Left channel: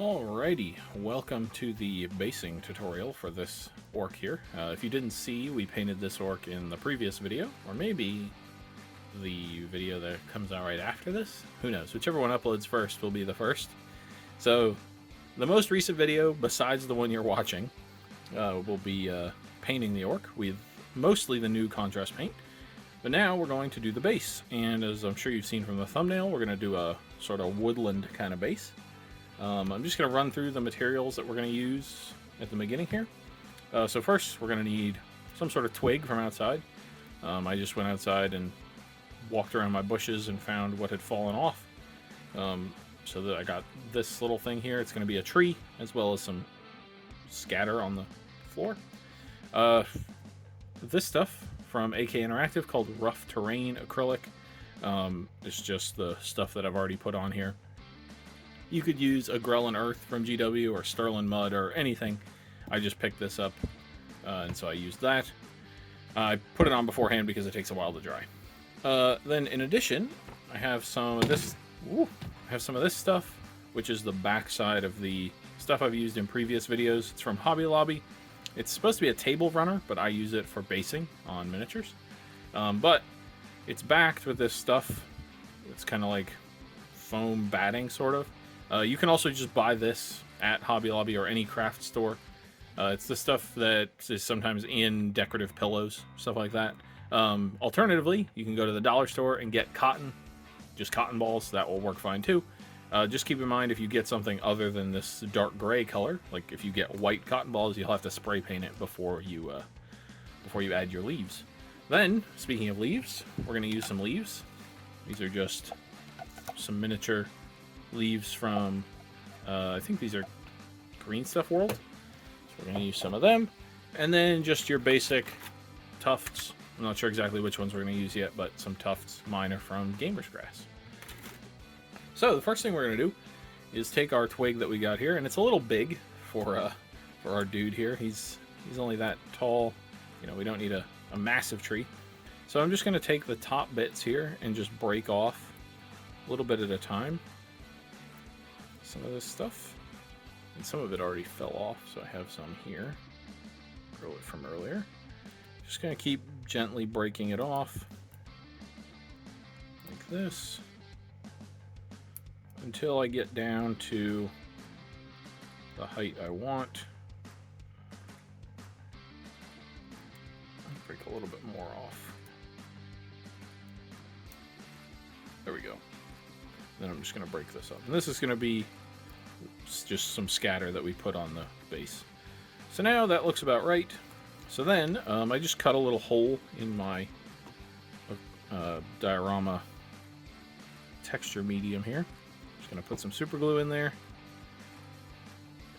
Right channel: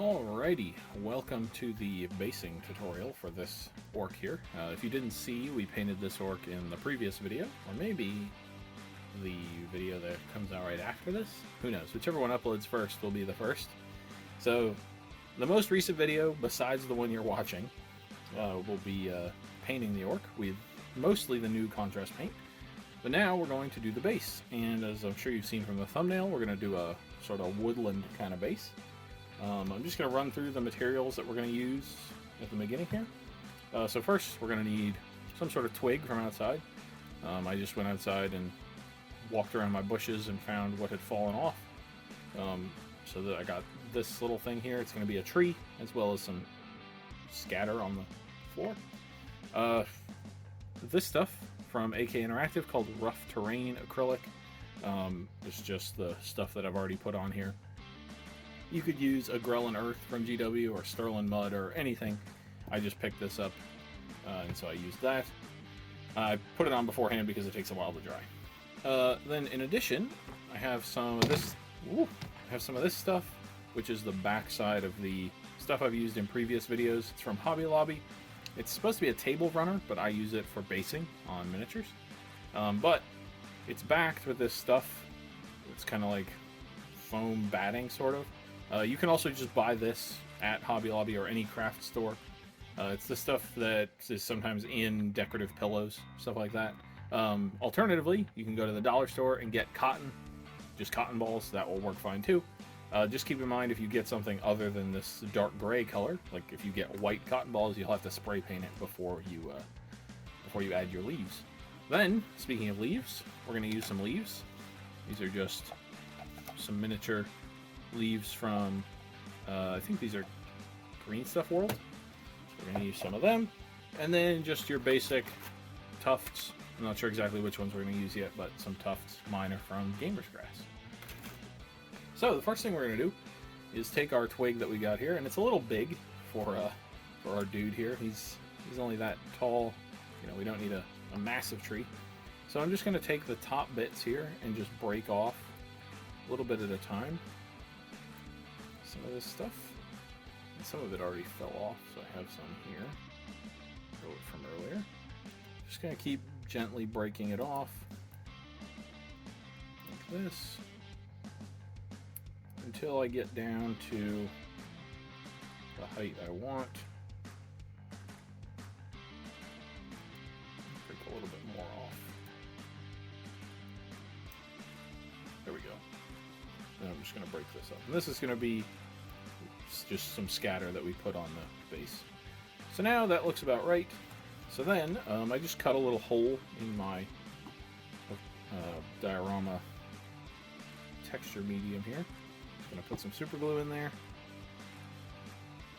Alrighty, welcome to the basing tutorial for this orc here. If you didn't see, we painted this orc in the previous video, or maybe the video that comes out right after this. Who knows? Whichever one uploads first will be the first. So, the most recent video, besides the one you're watching, will be painting the orc with mostly the new contrast paint. But now we're going to do the base, and as I'm sure you've seen from the thumbnail, we're going to do a sort of woodland kind of base. I'm just going to run through the materials that we're going to use at the beginning here. So first, we're going to need some sort of twig from outside. I just went outside and walked around my bushes and found what had fallen off. So that I got this little thing here. It's going to be a tree, as well as some scatter on the floor. This stuff from AK Interactive called Rough Terrain Acrylic. It's just the stuff that I've already put on here. You could use a Grelin Earth from GW or Sterling Mud or anything. I just picked this up, and so I used that. I put it on beforehand because it takes a while to dry. Then, in addition, I have some of this. Stuff, which is the back side of the stuff I've used in previous videos. It's from Hobby Lobby. It's supposed to be a table runner, but I use it for basing on miniatures. But it's backed with this stuff. It's kind of like foam batting, sort of. You can also just buy this at Hobby Lobby or any craft store. It's the stuff that is sometimes in decorative pillows, stuff like that. Alternatively, you can go to the dollar store and get cotton, just cotton balls. That will work fine too. Just keep in mind, if you get something other than this dark gray color, like if you get white cotton balls, you'll have to spray paint it before you add your leaves. Then, speaking of leaves, we're going to use some leaves. These are just some miniature leaves from, I think these are Green Stuff World. So we're going to use some of them. And then just your basic tufts. I'm not sure exactly which ones we're going to use yet, but some tufts. Mine are from Gamer's Grass. So the first thing we're going to do is take our twig that we got here, and it's a little big for our dude here. He's only that tall. You know, we don't need a massive tree. So I'm just going to take the top bits here and just break off a little bit at a time. Some of this stuff, and some of it already fell off, so I have some here. Throw it from earlier. Just going to keep gently breaking it off like this until I get down to the height I want. Break a little bit more off. There we go. Then I'm just going to break this up. And this is going to be just some scatter that we put on the base. So now that looks about right. So then I just cut a little hole in my diorama texture medium here. Just going to put some super glue in there.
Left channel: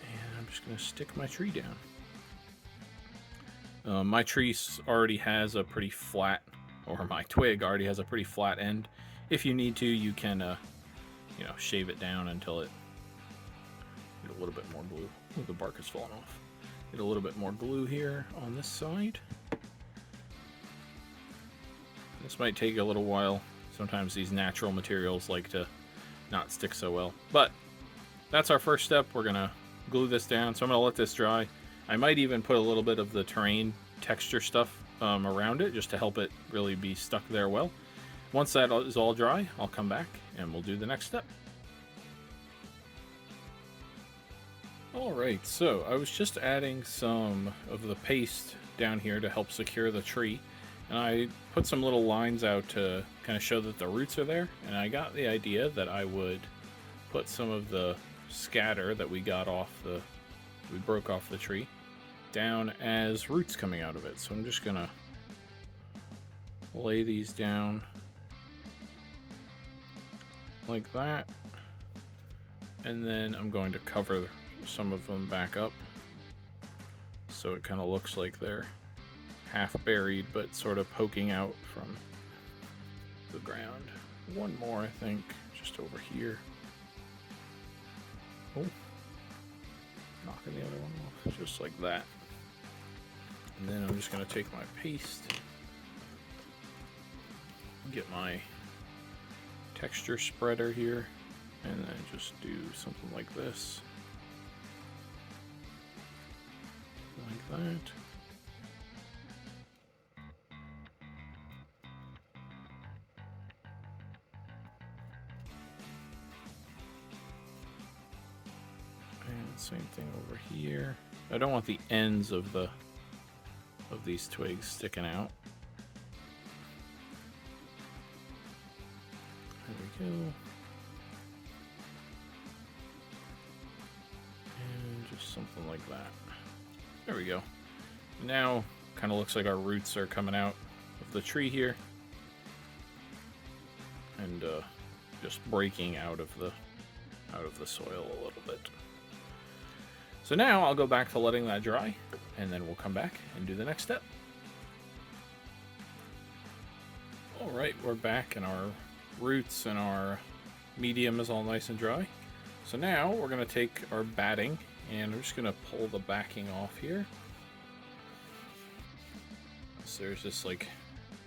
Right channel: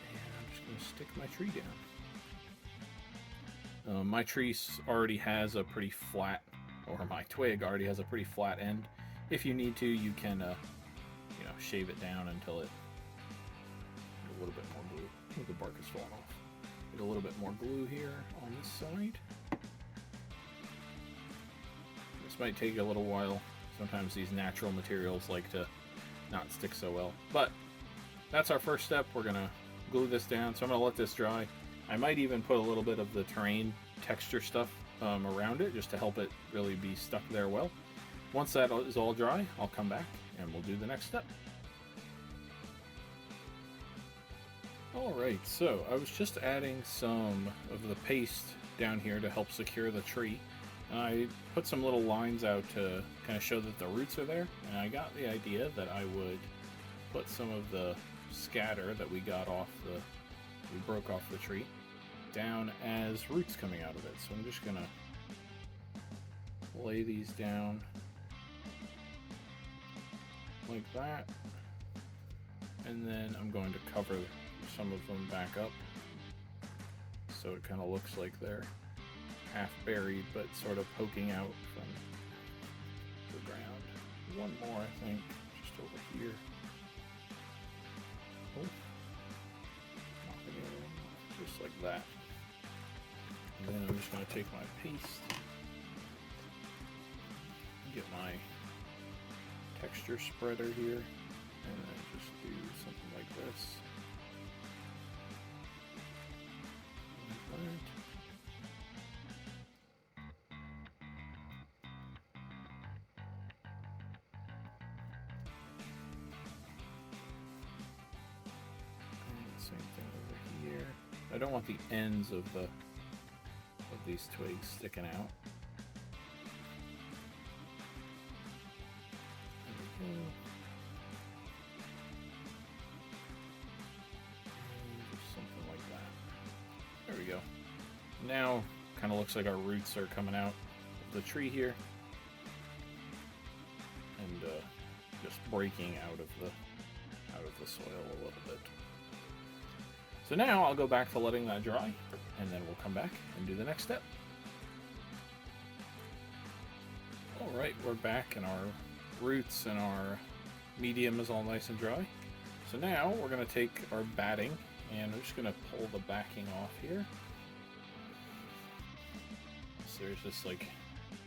And I'm just going to stick my tree down. My tree already has a pretty flat, or my twig already has a pretty flat end. If you need to, you can shave it down until it get a little bit more blue. Oh, the bark has fallen off. Get a little bit more glue here on this side. This might take a little while. Sometimes these natural materials like to not stick so well. But that's our first step. We're going to glue this down. So I'm going to let this dry. I might even put a little bit of the terrain texture stuff around it just to help it really be stuck there well. Once that is all dry, I'll come back and we'll do the next step. Alright, so I was just adding some of the paste down here to help secure the tree. And I put some little lines out to kind of show that the roots are there. And I got the idea that I would put some of the scatter that we broke off the tree down as roots coming out of it. So I'm just going to lay these down like that. And then I'm going to cover some of them back up so it kind of looks like they're half buried but sort of poking out from the ground. One more, I think, just over here. Oh, knocking the other one off, just like that. And then I'm just going to take my paste, get my texture spreader here, and then just do something like this. that. Same thing over here. I don't want the ends of these twigs sticking out. There we go. And just something like that. There we go. Now, kind of looks like our roots are coming out of the tree here, and just breaking out of the soil a little bit. So now I'll go back to letting that dry, and then we'll come back and do the next step. Alright, we're back, and our roots and our medium is all nice and dry. So now we're going to take our batting, and we're just going to pull the backing off here. So there's this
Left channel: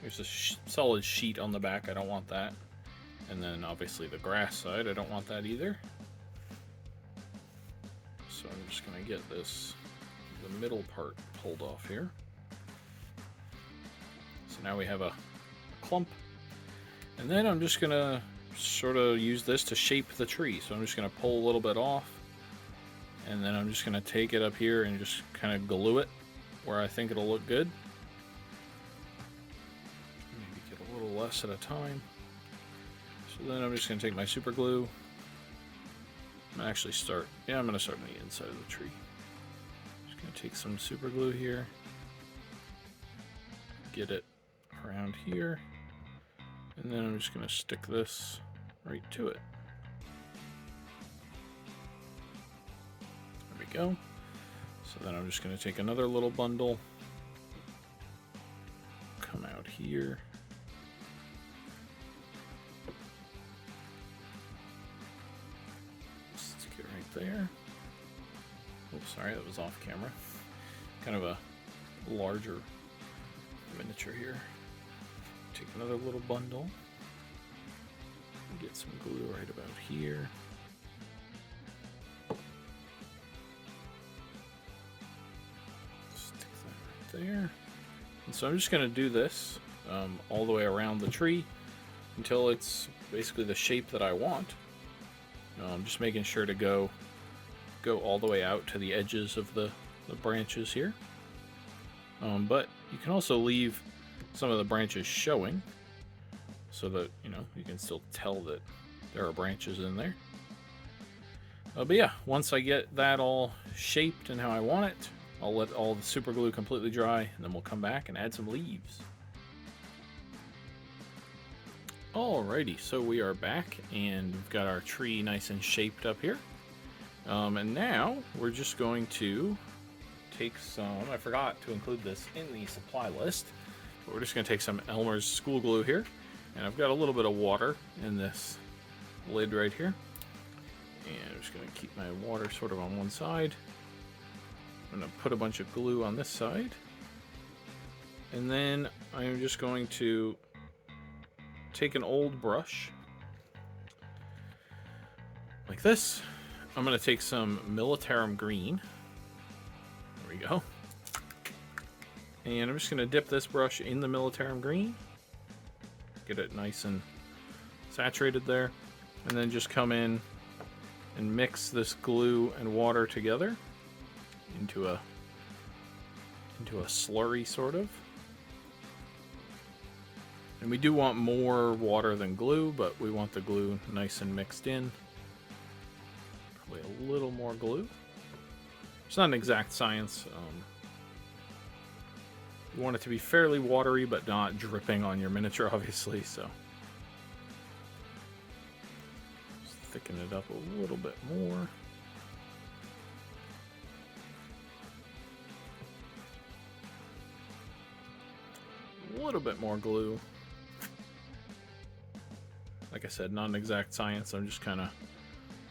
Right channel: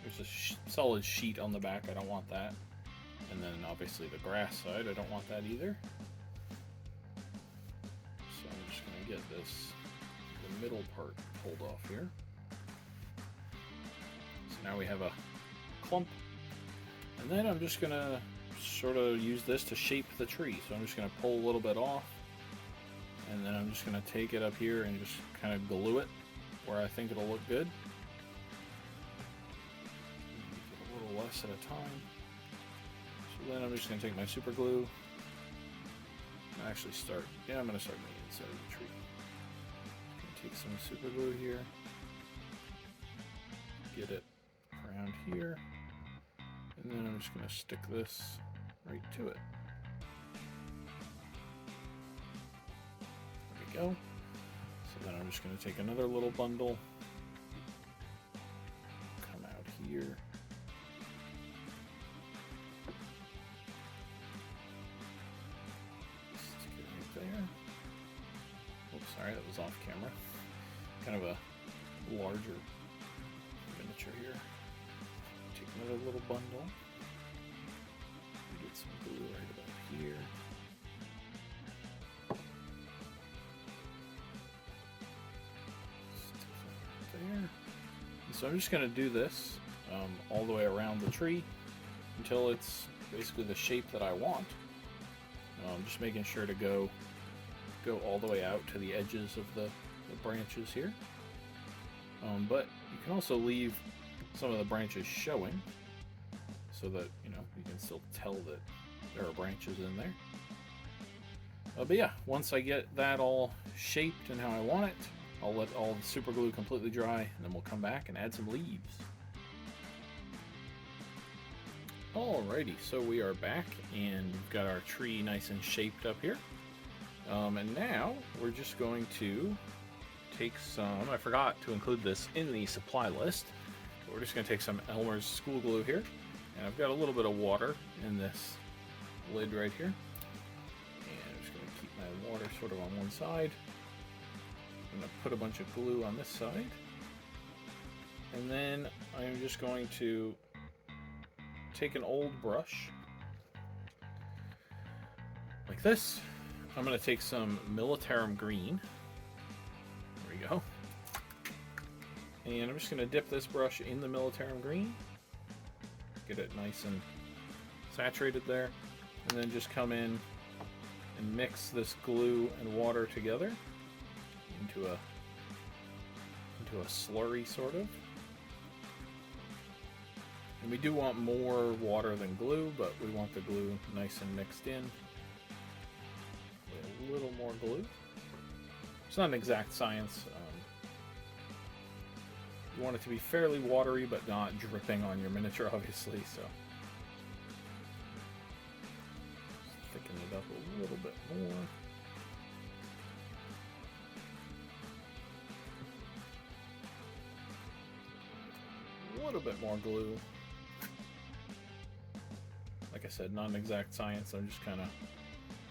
there's a solid sheet on the back, I don't want that. And then obviously the grass side, I don't want that either. So I'm just going to get the middle part pulled off here. So now we have a clump. And then I'm just going to sort of use this to shape the tree. So I'm just going to pull a little bit off. And then I'm just going to take it up here and just kind of glue it where I think it'll look good. Maybe get a little less at a time. So then I'm just going to take my super glue. I'm going to actually start, I'm going to start on the inside of the tree. Just going to take some super glue here. Get it around here. And then I'm just going to stick this right to it. There we go. So then I'm just going to take another little bundle. Come out here. There. Oh, sorry, that was off camera. Kind of a larger miniature here. Take another little bundle. Get some glue right about here. Stick that right there. And so I'm just going to do this all the way around the tree until it's basically the shape that I want. I'm just making sure to go all the way out to the edges of the branches here. But you can also leave some of the branches showing so that, you can still tell that there are branches in there. But yeah, once I get that all shaped and how I want it, I'll let all the super glue completely dry, and then we'll come back and add some leaves. Alrighty, so we are back, and we've got our tree nice and shaped up here. And now we're just going to take some, I forgot to include this in the supply list, but we're just going to take some Elmer's school glue here. And I've got a little bit of water in this lid right here. And I'm just going to keep my water sort of on one side. I'm going to put a bunch of glue on this side. And then I'm just going to take an old brush like this. I'm going to take some Militarum green. There we go. And I'm just going to dip this brush in the Militarum green. Get it nice and saturated there. And then just come in and mix this glue and water together into a slurry sort of. And we do want more water than glue, but we want the glue nice and mixed in. A little more glue. It's not an exact science. You want it to be fairly watery, but not dripping on your miniature, obviously. So just thicken it up a little bit more. A little bit more glue. Like I said, not an exact science. I'm just kind of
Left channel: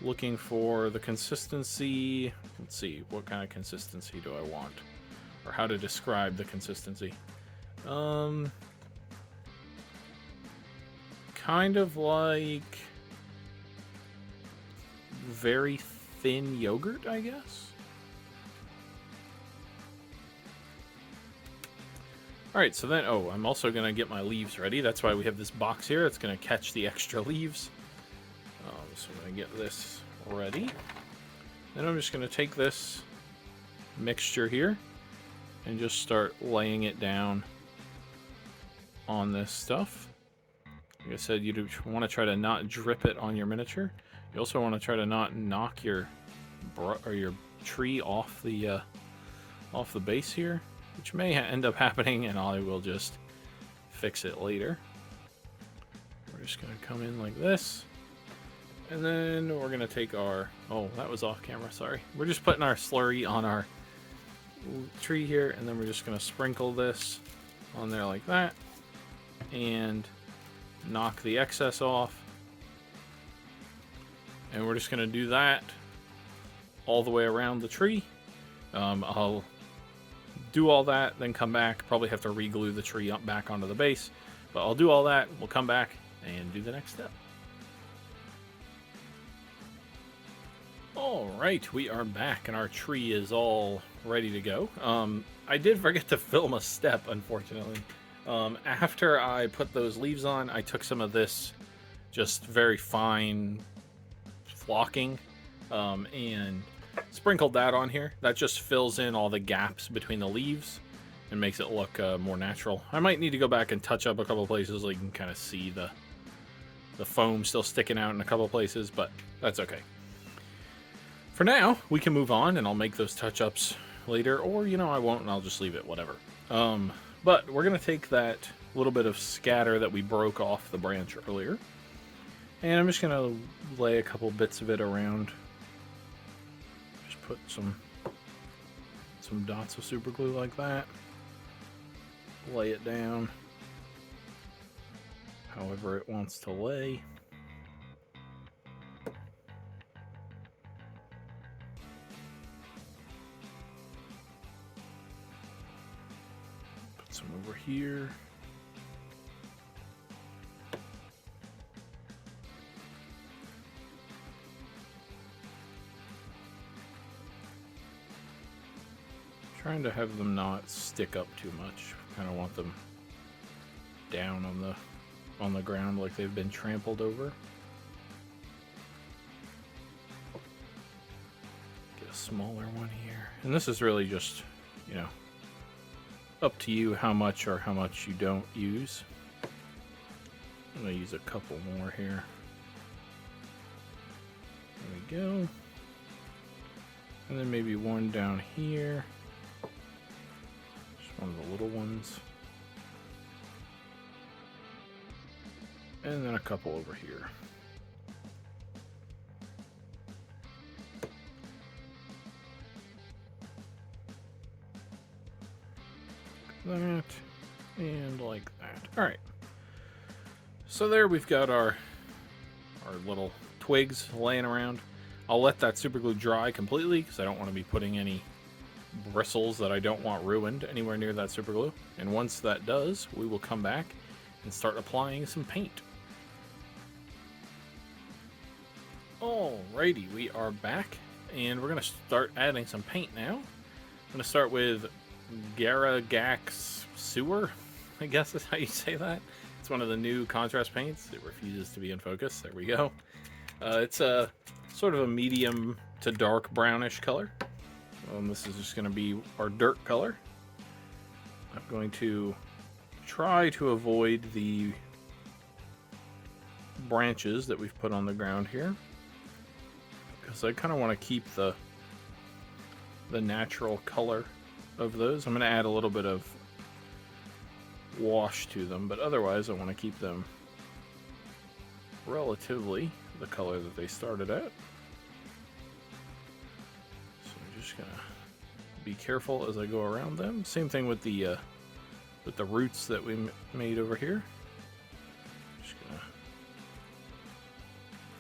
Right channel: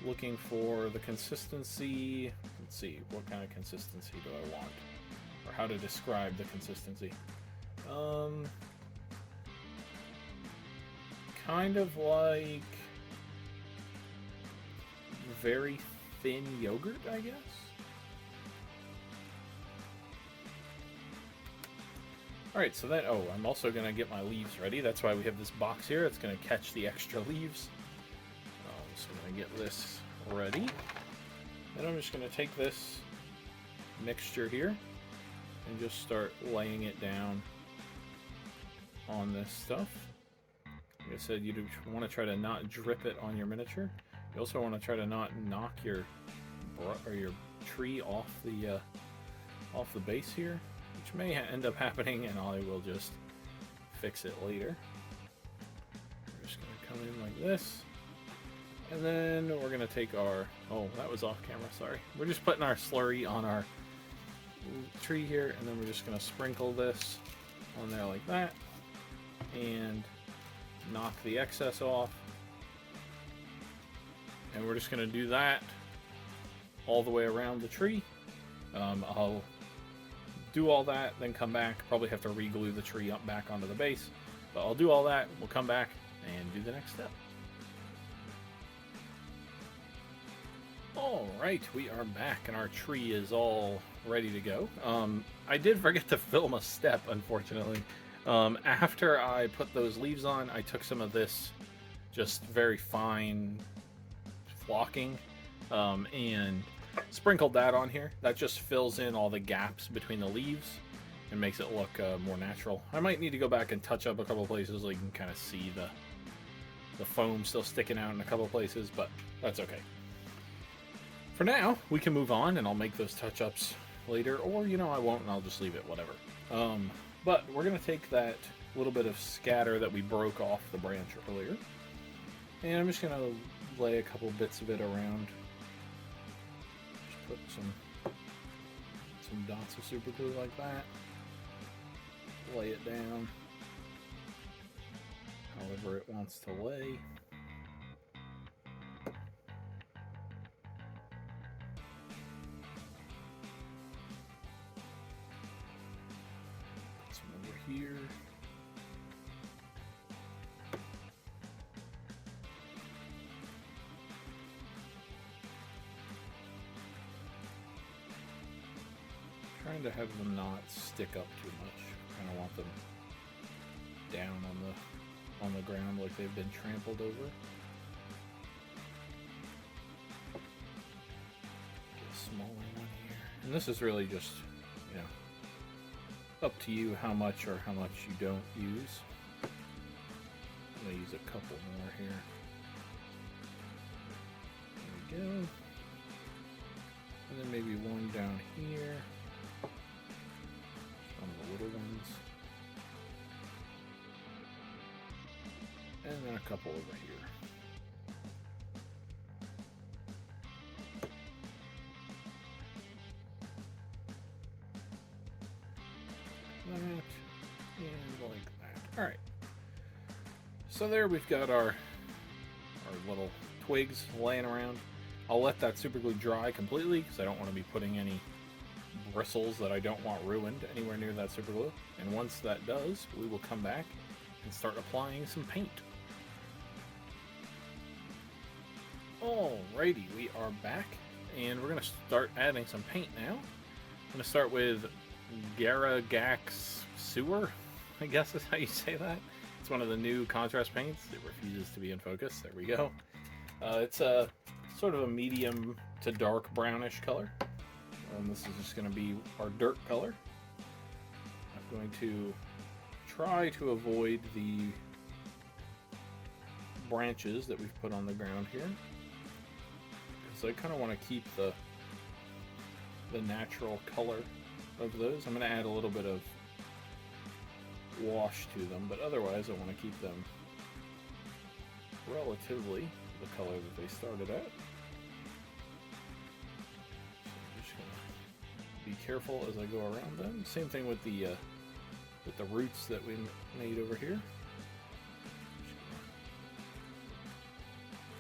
looking for the consistency. Let's see, what kind of consistency do I want? Or how to describe the consistency. Kind of like very thin yogurt, I guess. Alright, so then, oh, I'm also going to get my leaves ready. That's why we have this box here. It's going to catch the extra leaves. So I'm going to get this ready. Then I'm just going to take this mixture here and just start laying it down on this stuff. Like I said, you want to try to not drip it on your miniature. You also want to try to not knock your tree off the base here, which may end up happening, and I will just fix it later. We're just going to come in like this. And then we're going to take our... Oh, that was off camera, sorry. We're just putting our slurry on our tree here, and then we're just going to sprinkle this on there like that. And knock the excess off. And we're just going to do that all the way around the tree. I'll do all that, then come back. Probably have to re-glue the tree up back onto the base. But I'll do all that, we'll come back and do the next step. Alright, we are back and our tree is all ready to go. I did forget to film a step, unfortunately. After I put those leaves on, I took some of this just very fine flocking and sprinkled that on here. That just fills in all the gaps between the leaves and makes it look more natural. I might need to go back and touch up a couple places so you can kind of see the foam still sticking out in a couple places, but that's okay. For now, we can move on and I'll make those touch-ups later, or, you know, I won't and I'll just leave it, whatever. But we're going to take that little bit of scatter that we broke off the branch earlier, and I'm just going to lay a couple bits of it around. Just put some dots of super glue like that. Lay it down however it wants to lay. Put some over here. Trying to have them not stick up too much. Kind of want them down on the ground like they've been trampled over. Get a smaller one here. And this is really just, you know, up to you how much or how much you don't use. I'm going to use a couple more here. There we go. And then maybe one down here. One of the little ones. And then a couple over here. That and like that. Alright. So there we've got our little twigs laying around. I'll let that super glue dry completely because I don't want to be putting any bristles that I don't want ruined anywhere near that super glue. And once that does, we will come back and start applying some paint. Alrighty, we are back and we're going to start adding some paint now. I'm going to start with Garagax Sewer, I guess is how you say that. It's one of the new contrast paints. It refuses to be in focus. There we go. It's a sort of a medium to dark brownish color. This is just going to be our dirt color. I'm going to try to avoid the branches that we've put on the ground here, because I kind of want to keep the natural color of those. I'm going to add a little bit of wash to them, but otherwise I want to keep them relatively the color that they started at. Be careful as I go around them. Same thing with the roots that we made over here. Just gonna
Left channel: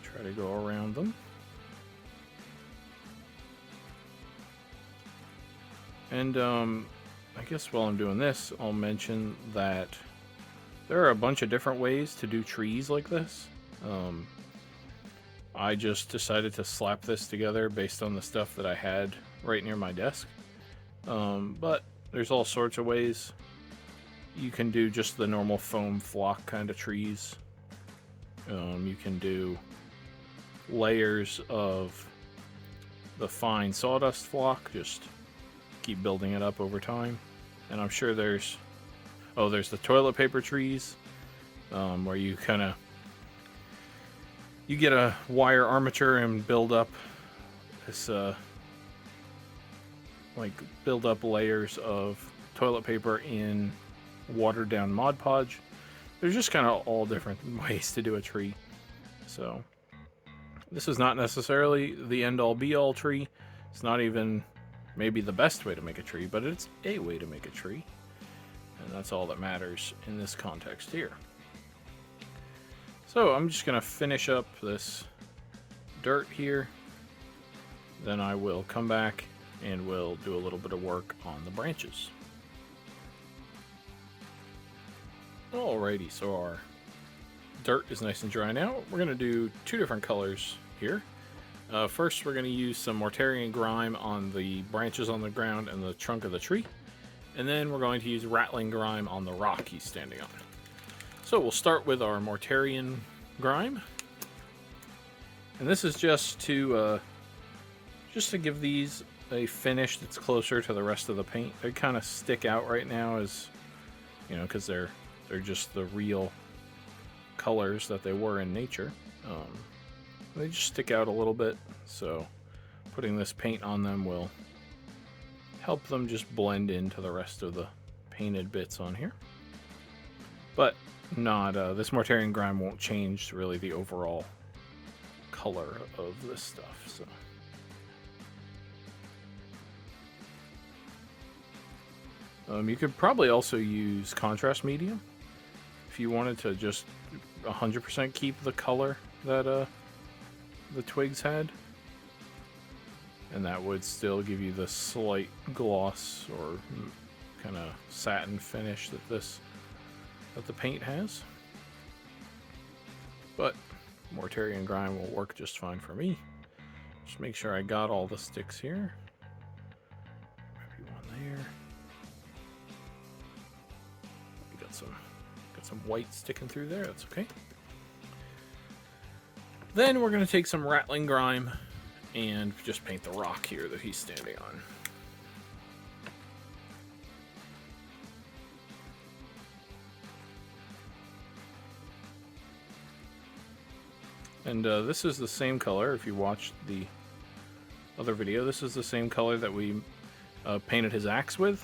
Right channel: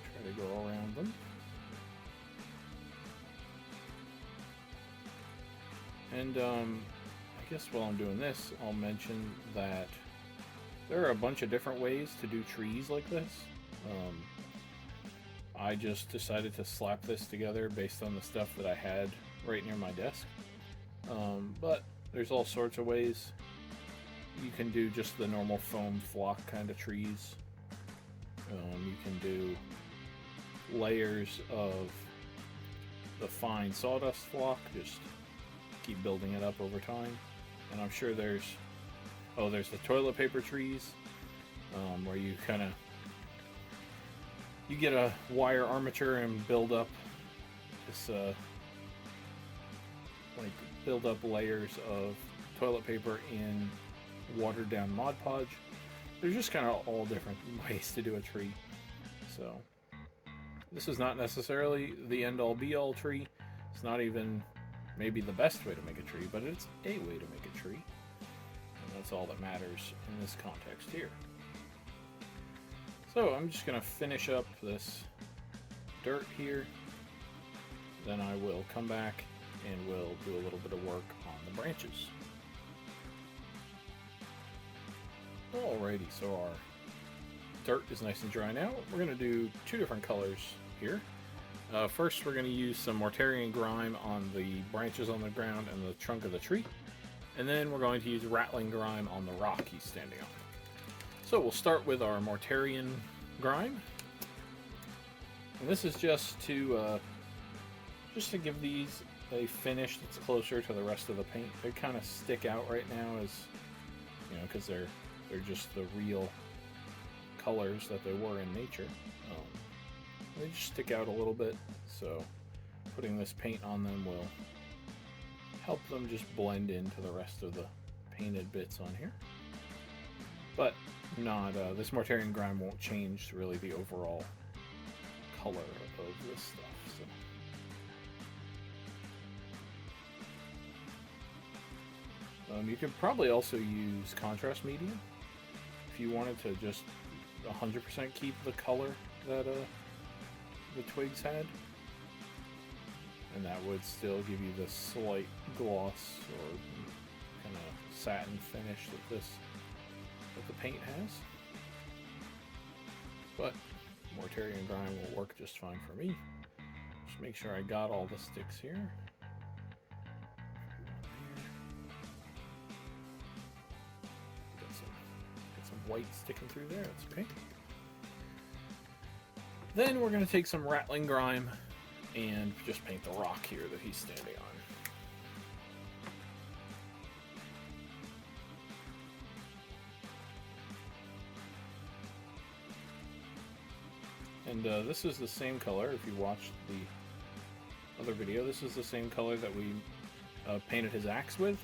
try to go around them. And I guess while I'm doing this, I'll mention that there are a bunch of different ways to do trees like this. I just decided to slap this together based on the stuff that I had right near my desk. But there's all sorts of ways You can do just the normal foam flock kind of trees. You can do layers of the fine sawdust flock, just keep building it up over time. And I'm sure there's the toilet paper trees, where you get a wire armature and build up this build up layers of toilet paper in watered down Mod Podge. There's just kind of all different ways to do a tree. So this is not necessarily the end all be all tree. It's not even maybe the best way to make a tree, but it's a way to make a tree. And that's all that matters in this context here. So I'm just going to finish up this dirt here. Then I will come back and we'll do a little bit of work on the branches. Alrighty, so our dirt is nice and dry now. We're going to do two different colors here. First, we're going to use some Mortarian grime on the branches on the ground and the trunk of the tree. And then we're going to use rattling grime on the rock he's standing on. So we'll start with our Mortarian grime. And this is just to give these a finish that's closer to the rest of the paint. They kind of stick out right now as, you know, because they're just the real colors that they were in nature. They just stick out a little bit, so putting this paint on them will help them just blend into the rest of the painted bits on here. But not this Mortarian grime won't change really the overall color of this stuff. So you could probably also use contrast medium if you wanted to just 100% keep the color that the twigs had, and that would still give you the slight gloss or kind of satin finish that the paint has. But Mortarian grime will work just fine for me. Just make sure I got all the sticks here. Maybe one there. Got some white sticking through there. That's okay. Then we're going to take some rattling grime and just paint the rock here that he's standing on. And this is the same color. If you watched the other video, this is the same color that we painted his axe with.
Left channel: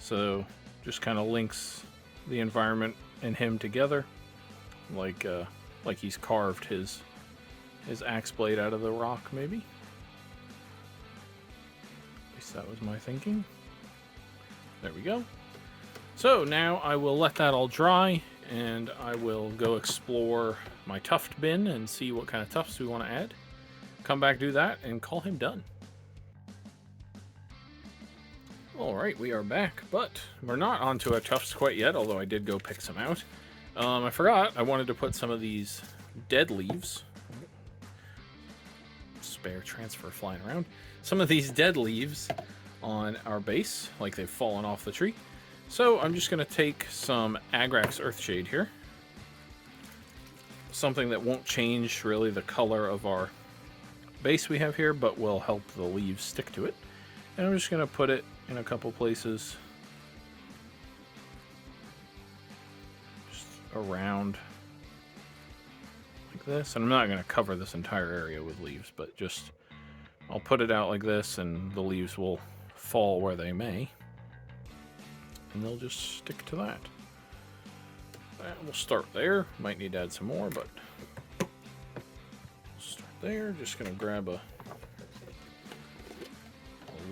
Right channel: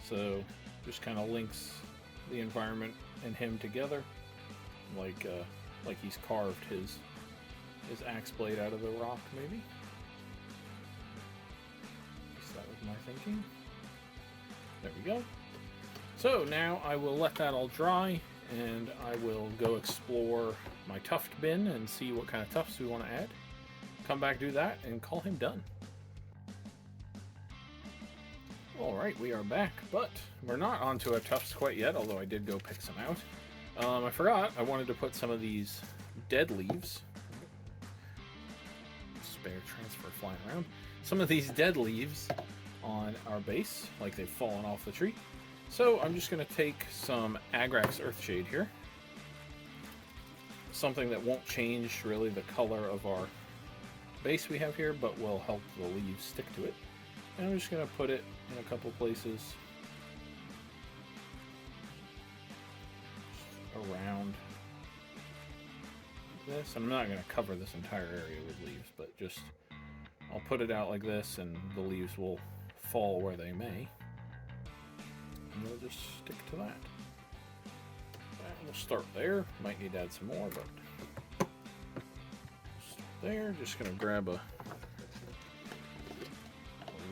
So just kind of links the environment and him together, like he's carved his axe blade out of the rock, maybe. At least that was my thinking. There we go. So now I will let that all dry, and I will go explore my tuft bin and see what kind of tufts we want to add. Come back, do that, and call him done. Alright, we are back, but we're not onto our tufts quite yet, although I did go pick some out. I forgot, I wanted to put some of these dead leaves. Spare transfer flying around. Some of these dead leaves on our base, like they've fallen off the tree. So I'm just going to take some Agrax Earthshade here. Something that won't change really the color of our base we have here, but will help the leaves stick to it. And I'm just going to put it in a couple places. Just around like this. And I'm not going to cover this entire area with leaves, but just I'll put it out like this, and the leaves will fall where they may. And they'll just stick to that. And we'll start there. Might need to add some more, but start there. Just going to grab a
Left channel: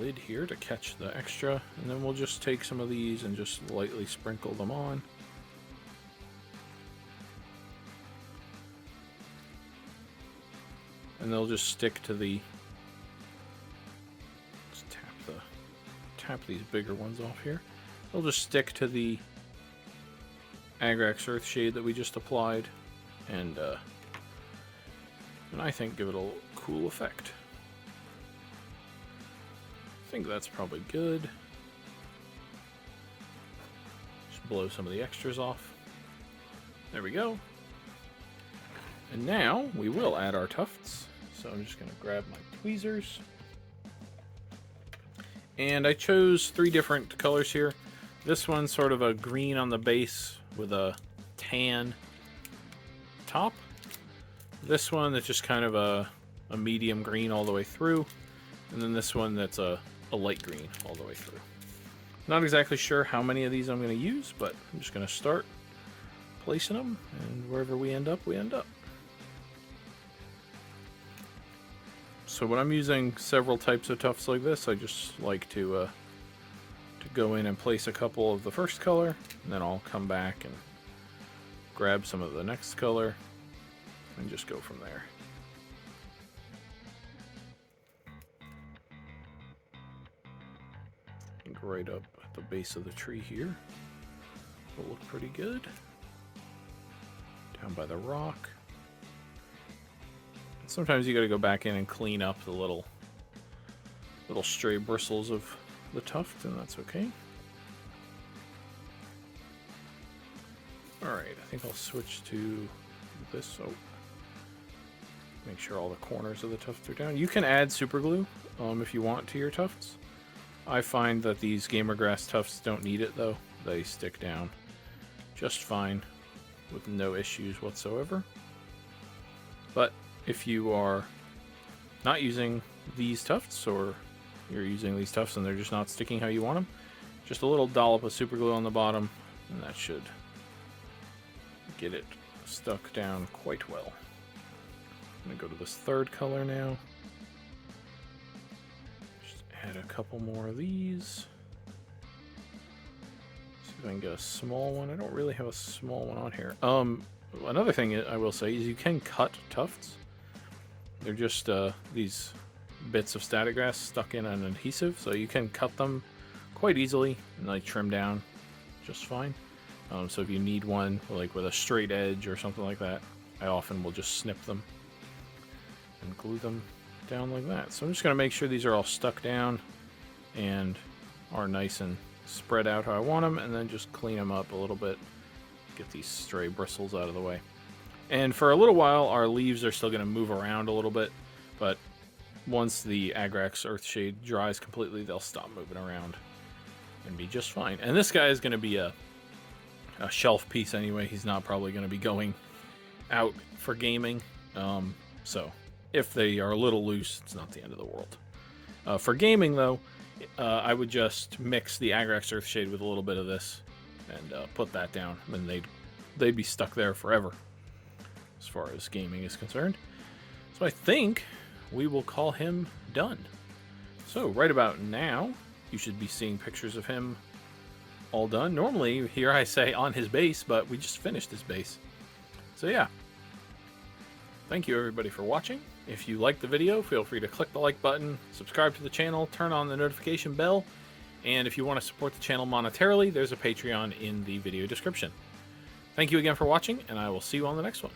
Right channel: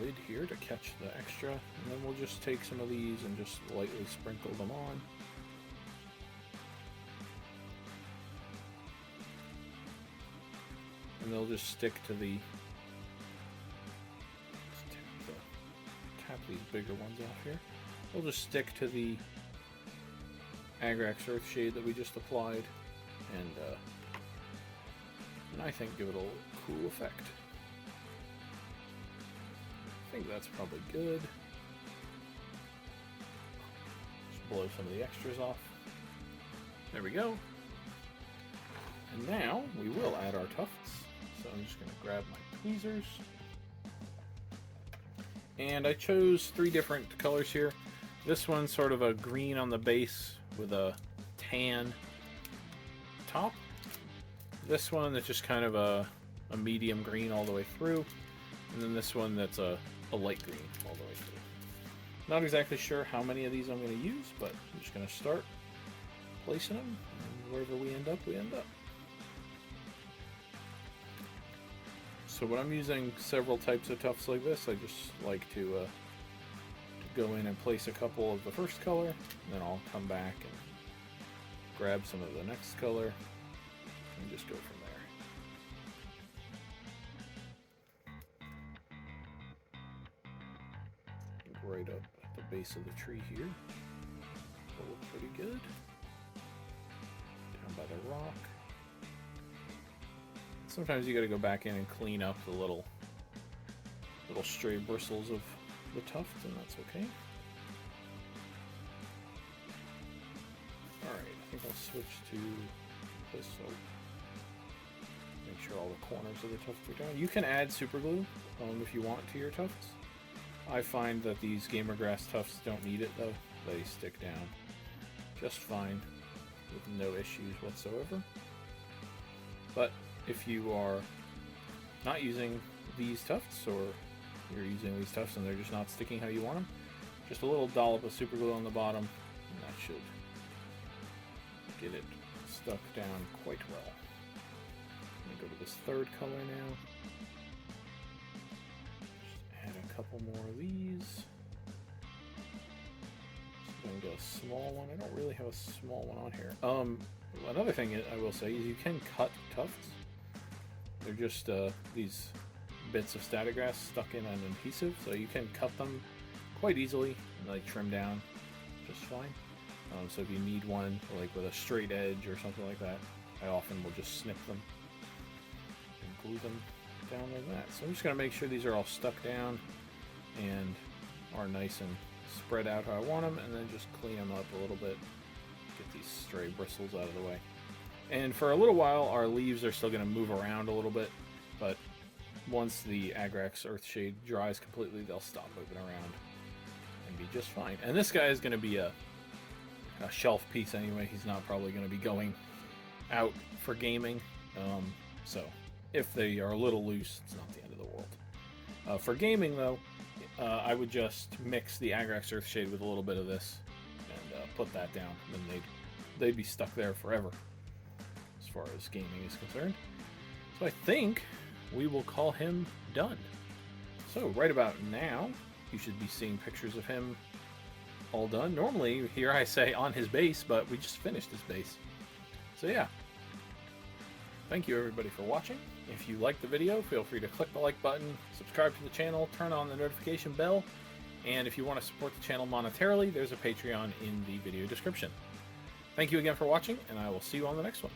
lid here to catch the extra, and then we'll just take some of these and just lightly sprinkle them on. And they'll just stick to the, let's tap these bigger ones off here. They'll just stick to the Agrax Earthshade that we just applied, and I think give it a cool effect. I think that's probably good. Just blow some of the extras off. There we go. And now we will add our tufts. So I'm just going to grab my tweezers. And I chose 3 different colors here. This one's sort of a green on the base with a tan top. This one that's just kind of a medium green all the way through. And then this one that's a light green all the way through. Not exactly sure how many of these I'm going to use, but I'm just going to start placing them. And wherever we end up, we end up. So when I'm using several types of tufts like this, I just like to go in and place a couple of the first color, and then I'll come back and grab some of the next color and just go from there. Right up at the base of the tree here. It'll look pretty good. Down by the rock. Sometimes you gotta go back in and clean up the little stray bristles of the tuft, and that's okay. Alright, I think I'll switch to this so make sure all the corners of the tufts are down. You can add super glue if you want to your tufts. I find that these gamer grass tufts don't need it though. They stick down just fine with no issues whatsoever. But if you are not using these tufts, or you're using these tufts and they're just not sticking how you want them, just a little dollop of super glue on the bottom and that should get it stuck down quite well. I'm going to go to this 3rd color now. Add a couple more of these. See if I can get a small one. I don't really have a small one on here. Another thing I will say is you can cut tufts. They're just these bits of static grass stuck in an adhesive, so you can cut them quite easily and they trim down just fine. So if you need one like with a straight edge or something like that, I often will just snip them and glue them down like that. So I'm just going to make sure these are all stuck down and are nice and spread out how I want them, and then just clean them up a little bit, get these stray bristles out of the way. And for a little while our leaves are still going to move around a little bit, but once the Agrax Earthshade dries completely, they'll stop moving around and be just fine. And this guy is going to be a shelf piece anyway. He's not probably going to be going out for gaming, so if they are a little loose, it's not the end of the world. For gaming, though, I would just mix the Agrax Earthshade with a little bit of this and put that down. Then they'd be stuck there forever, as far as gaming is concerned. So I think we will call him done. So right about now, you should be seeing pictures of him all done. Normally, here I say on his base, but we just finished his base. So yeah. Thank you everybody for watching. If you liked the video, feel free to click the like button, subscribe to the channel, turn on the notification bell, and if you want to support the channel monetarily, there's a Patreon in the video description. Thank you again for watching, and I will see you on the next one.